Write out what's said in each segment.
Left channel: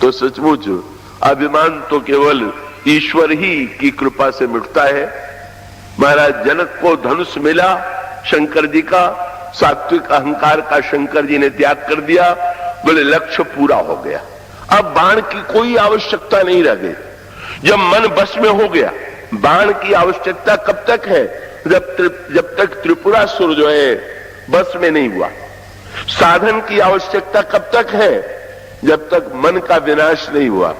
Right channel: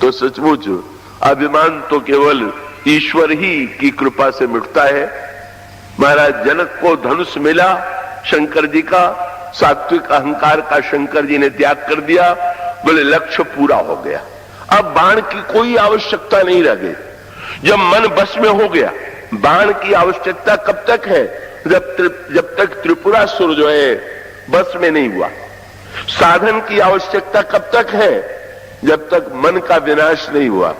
तो सचमुच अभिमान तो केवल ईश्वर ही की कृपा से मिटता है। महाराज जनक को धनुष मिला शंकर जी का, सात्विक अहंकार का शंकर जी ने त्याग कर दिया, बोले लक्ष्य पूरा हो गया, अब बाण की कोई आवश्यकता नहीं रह गई। जब मन बस में हो गया, बाण की आवश्यकता कब तक है? जब तक त्रिपुरासुर जो है बस में नहीं हुआ। साधन की आवश्यकता कब तक है? जब तक मन का विनाश नहीं हुआ।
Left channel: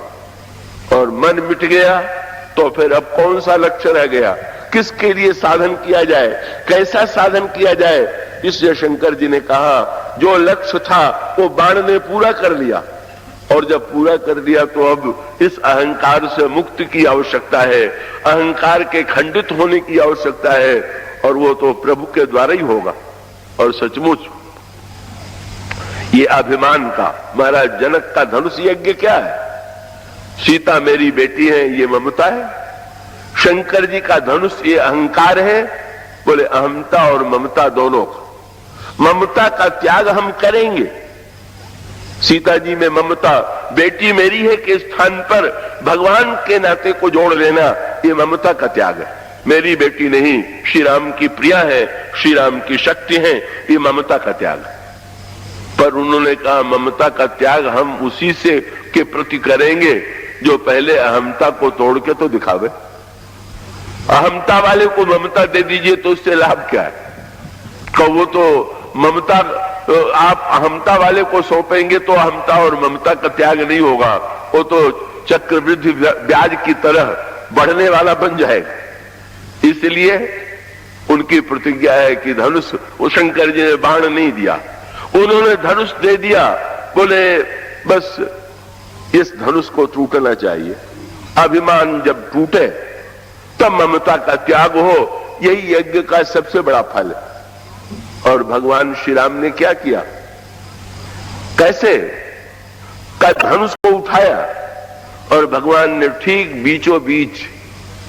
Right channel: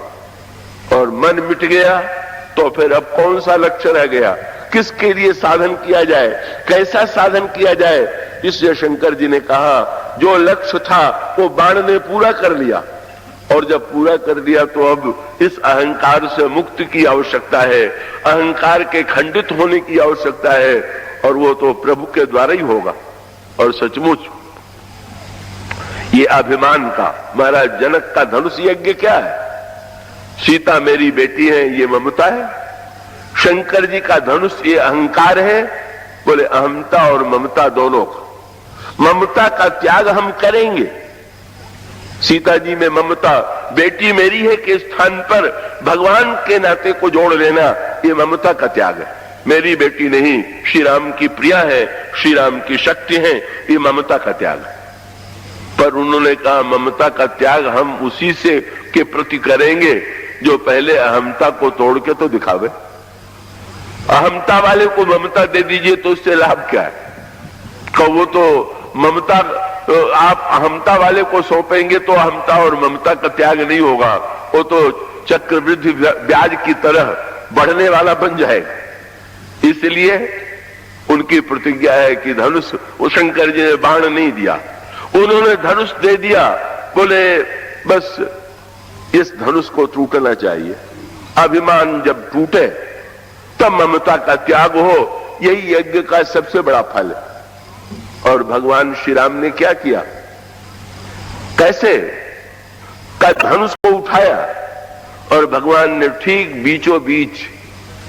और मन मिट गया तो फिर अब कौन सा लक्ष्य रह गया? किसके लिए साधन किया जाए, कैसा साधन किया जाए? इसलिए शंकर जी ने कहा जो लक्ष्य था वो बाण ने पूरा कर लिया, और जब पूरा कर दिया तो अब इस अहंकार से मुक्ति की आवश्यकता है, अहंकार के खंडित होने की आवश्यकता है, और वो तो प्रभु के द्वारा ही होगा। और सचमुच ये अभिमान का महाराज जनक का धनुष यज्ञ क्या है? सीता मेरी बेटी है, ये ममता है। शंकर जी का धनुष ये अहंकार है। बोले अहमता और ममता दोनों का। ममता का त्याग हम करेंगे। सीता जी में ममता, बेटी मेरी है के स्थान पर भगवान के नाते को जोड़ लेना, ये ममता का त्याग है। मेरी बेटी नहीं, श्री राम की प्रिया है, श्री राम की शक्ति है, ये ममता का त्याग। पर उन्होंने कहा ममता का त्याग हम उसी से के प्रति करेंगे जो पहले अहमता को तोड़ के तो दिखावे। अहमता वाले को ममता दे दीजिए तो उससे लाभ क्या है? तो वो तो ममता आप अहमता वाले को सौंपेंगे तो अहमता और ममता का त्याग नहीं होगा, वो तो चक्रवृद्धि ब्याज की तरह बढ़ने वाला बन जाएगा। इसलिए उनकी प्रतिज्ञा है कि धनुष, वो शंकर जी ने बाण नहीं दिया, उन्होंने धनुष दे दिया। बोले बस इस धनुष को टूटना चाहिए। अभिमान जब टूटे तब ममता का त्याग हो, यही यज्ञ का सबसे बड़ा फल है। और भगवान श्री राम ने क्या किया? कैसे का धनुष को उठाया और भगवान ने ठीक बीचों बीच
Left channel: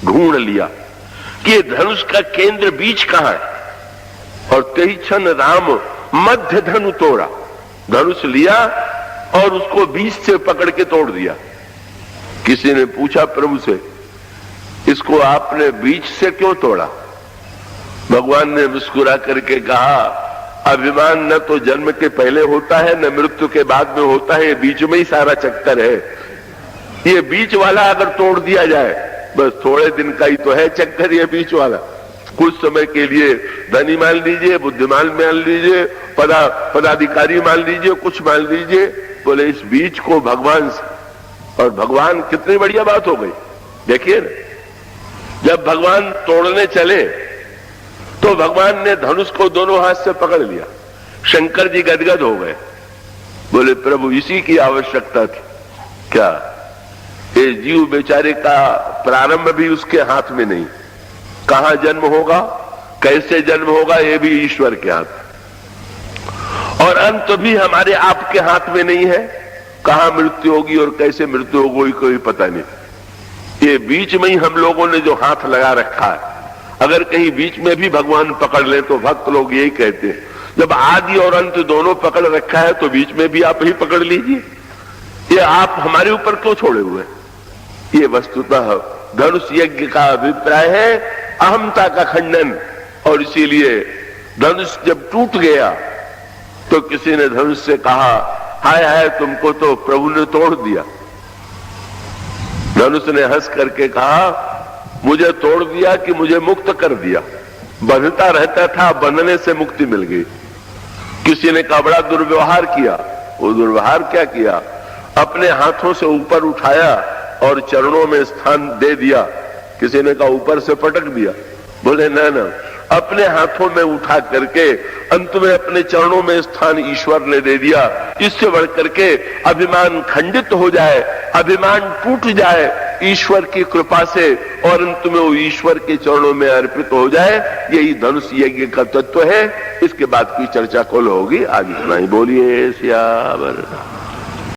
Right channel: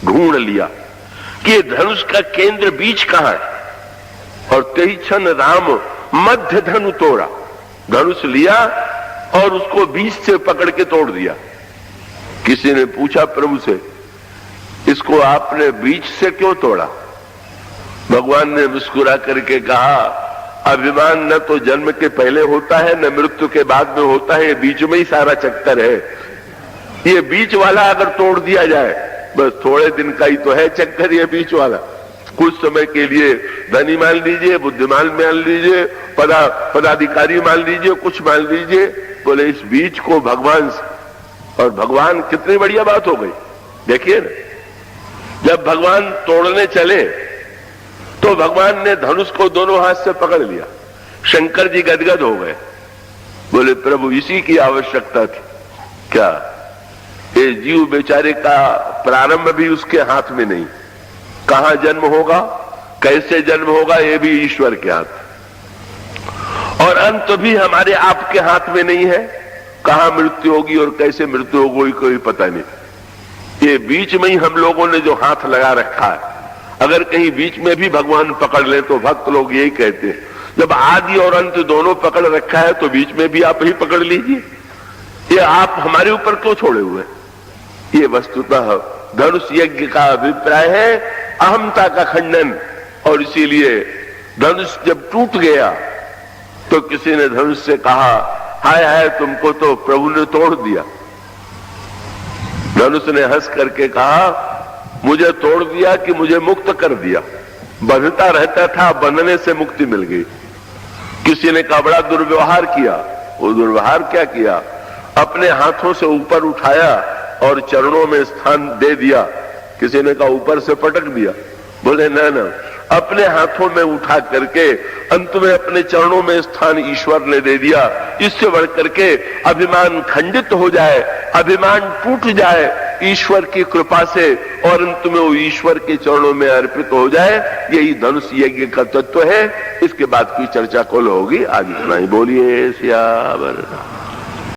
ढूंढ लिया कि धनुष का केंद्र बीच कहां है, और तेही क्षण राम मध्य धनु तोड़ा। धनुष लिया और उसको बीच से पकड़ के तोड़ दिया। किसी ने पूछा प्रभु से, इसको आपने बीच से क्यों तोड़ा? भगवान ने मुस्कुरा करके कहा, अभिमान न तो जन्म के पहले होता है न मृत्यु के बाद में होता है, ये बीच में ही सारा चक्कर है। ये बीच वाला अगर तोड़ दिया जाए, बस थोड़े दिन का ही तो है चक्कर ये बीच वाला। कुछ समय के लिए धनी मान लीजिए, बुद्धिमान मान लीजिए, पदाधिकारी मान लीजिए, कुछ मान लीजिए, बोले इस बीच को भगवान से। और भगवान कितनी बढ़िया बात हो गई। देखिए ना, जब भगवान तोड़ने चले तो भगवान ने धनुष को दोनों हाथ से पकड़ लिया। शंकर जी गदगद हो गए, बोले प्रभु इसी की आवश्यकता थी क्या? ये जीव बेचारे का प्रारंभ भी उसके हाथ में नहीं, कहां जन्म होगा, कैसे जन्म होगा, ये भी ईश्वर के हाथ, और अंत भी हमारे आपके हाथ में नहीं है। कहां मृत्यु होगी और कैसे मृत्यु होगी कोई पता नहीं। ये बीच में ही हम लोगों ने जो हाथ लगा रखा है, अगर कहीं बीच में भी भगवान पकड़ ले तो भक्त लोग यही कहते हैं, जब आदि और अंत दोनों पकड़ रखा है तो बीच में भी आप ही पकड़ लीजिए। ये आप हमारे ऊपर क्यों छोड़े हुए? ये वस्तुतः धनुष यज्ञ का अभिप्राय है अहमता का खंडन। और इसीलिए धनुष जब टूट गया तो किसी ने धनुष से कहा, हाय हाय तुमको तो प्रभु ने तोड़ दिया। धनुष ने हंस करके कहा, मुझे तोड़ दिया कि मुझे मुक्त कर दिया। बंधता रहता था, बंधने से मुक्ति मिल गई। किसी ने कहा बड़ा दुर्व्यवहार किया। वो दुर्व्यवहार क्या किया? अपने हाथों से ऊपर उठाया और चरणों में स्थान दे दिया। किसी ने कहा ऊपर से पटक दिया। बोले न, अपने हाथों में उठा करके अंत में अपने चरणों में स्थान ईश्वर ने दे दिया। इससे बढ़ करके अभिमान खंडित हो जाए, अभिमान टूट जाए ईश्वर की कृपा से, और अंत में वो ईश्वर के चरणों में अर्पित हो जाए, यही धनुष यज्ञ का तत्व है। इसके बाद की चर्चा कल होगी, आगे सुनाई। बोलिए सियावर।